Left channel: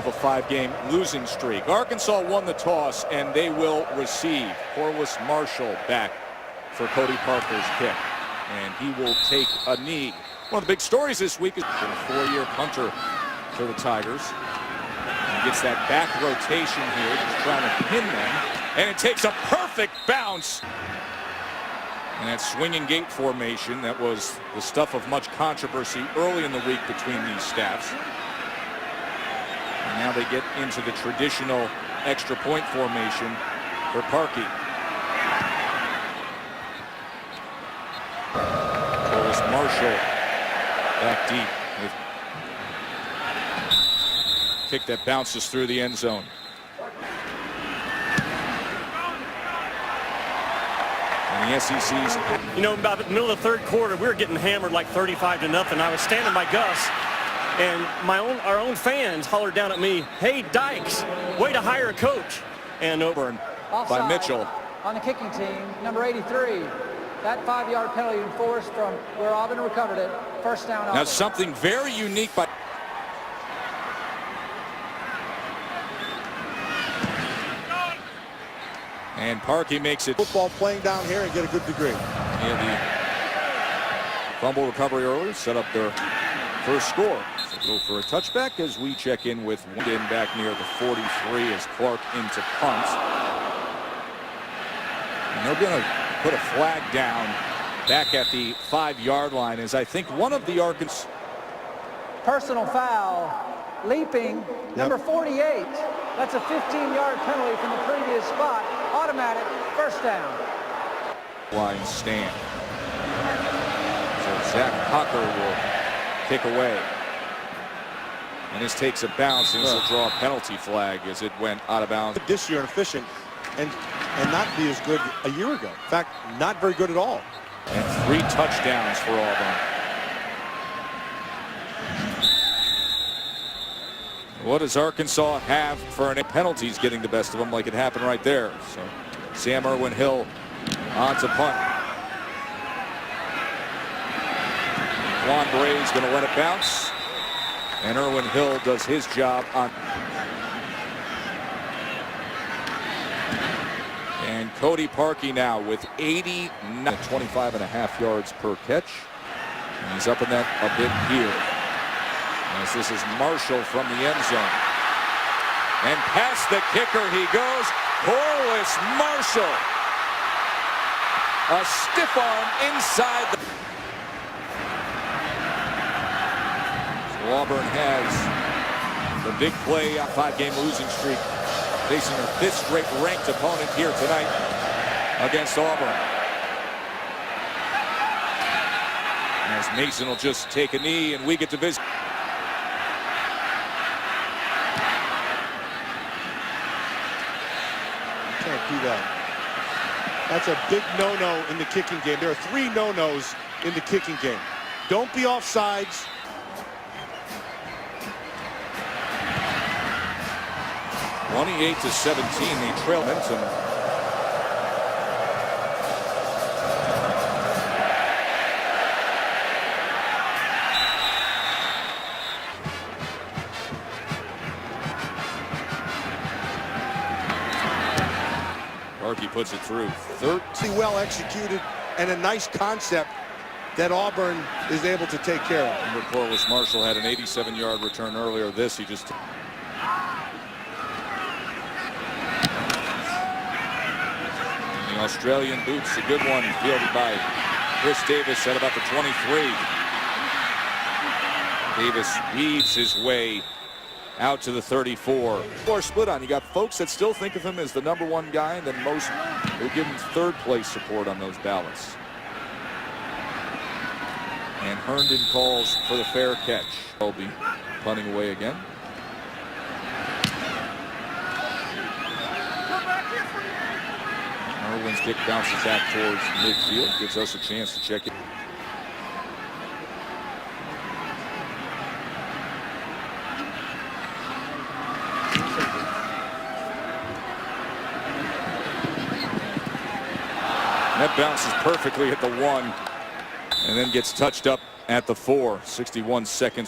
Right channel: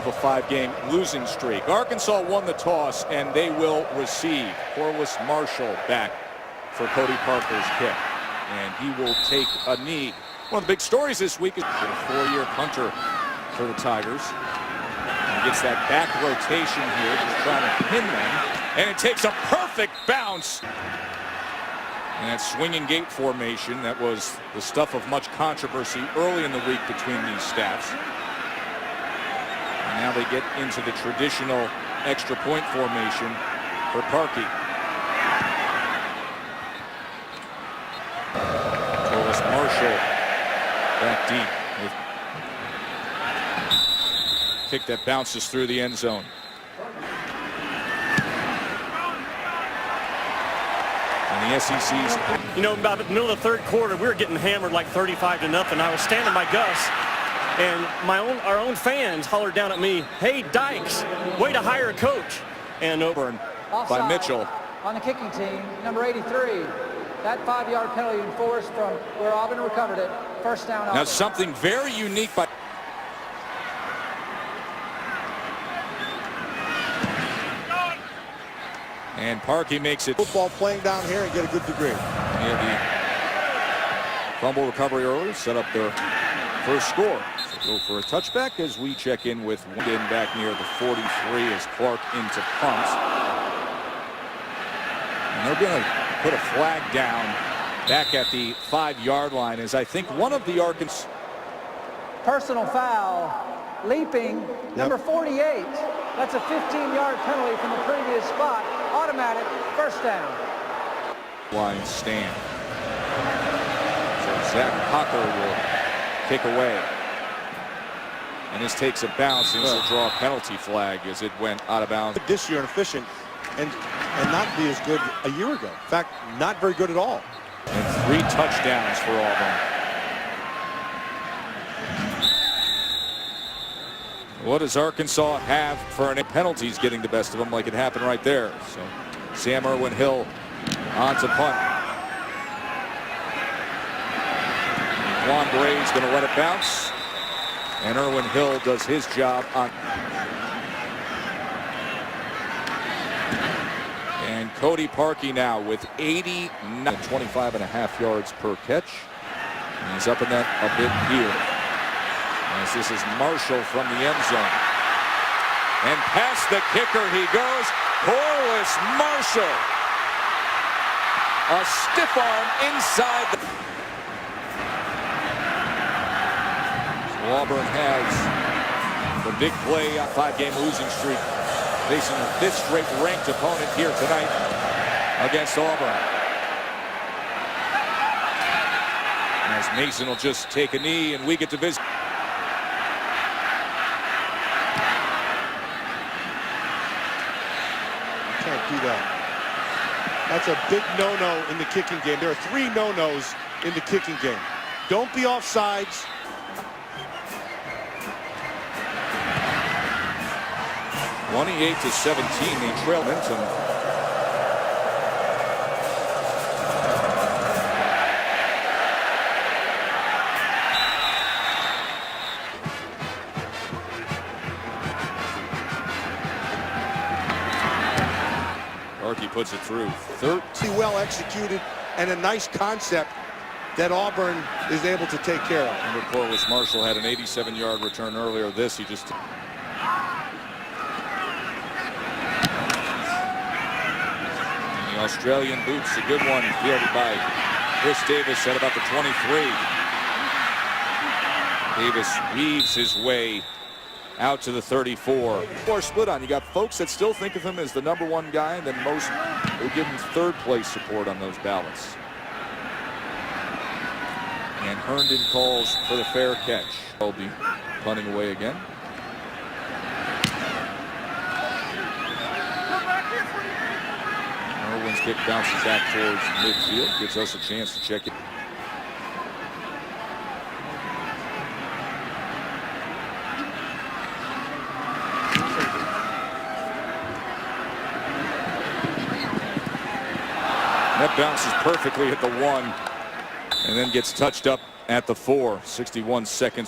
of a 5-game losing streak. Arkansas won the toss, and they will receive. Corliss Marshall back for Cody Parker's kick, and he will take a knee. One of the big stories this week is been a 4-year punter for the Tigers. And he gets that back rotation here, just trying to pin them, and it takes a perfect bounce. And that swinging gate formation, that was the stuff of much controversy early in the week between these staffs. And now they get into the traditional extra point formation for Parkey. Corliss Marshall back deep with kick that bounces through the end zone. And the SEC's, you know, about the middle of the third quarter, we were getting hammered like 35-0. I was standing by Gus, and our own fans hollered down at me, "Hey, Dykes, way to hire a coach." And Auburn by Mitchell on the kicking team, number 83. That 5-yard penalty enforced from where Auburn recovered it. First down. Auburn. Now something very unique by. And Parkey makes it. Football playing down here and get a good degree. He had the fumble recovery earlier, set up their first score. So go for a touchback as we check in with Winden back near the 43 as Clark into punt. And they're going to put a flag down back at the 5-yard line as I think one of the Arkansas. Personal foul, leaping, number 48. That's a 15-yard penalty from the previous spot. Automatic first down. Line stand. So Zach Hocker will kick away. And this takes a bounce, and this will draw a penalty flag as it went out of bounds. This year and efficient and not be as good a year ago. In fact, not very good at all. And 3 touchdowns for Auburn. What does Arkansas have for any penalties getting the best of them like it happened right there? So Sam Irwin-Hill on to punt. Juan Bray's going to let it bounce. And Irwin-Hill does his job on. And Cody Parkey now with 25.5 yards per catch. And he's up in that a bit here. As this is Marshall from the end zone. And past the kicker he goes. Corliss Marshall. A stiff arm inside the. So Auburn has the big play, a 5-game losing streak, facing their 5th straight ranked opponent here tonight against Auburn. As Mason will just take a knee and we get to visit. Can't do that. That's a big no-no in the kicking game. There are 3 no-nos in the kicking game. Don't be offsides. (28-17), they trail momentum. Parkey puts it through. 30 well executed and a nice concept that Auburn is able to take care of. Remember, Corliss Marshall had an 87-yard return earlier. This he just. And the Australian boots, a good one, fielded by Chris Davis at about the 23. Davis weaves his way out to the 34. Or split on. You got folks that still think of him as the #1 guy, and then most who give him 3rd place support on those ballots. And Herndon calls for the fair catch. They'll be punting away again. Irwin's kick bounces back towards midfield, gives us a chance to check it. That bounces perfectly at the 1 and then gets touched up at the 4. 61 seconds.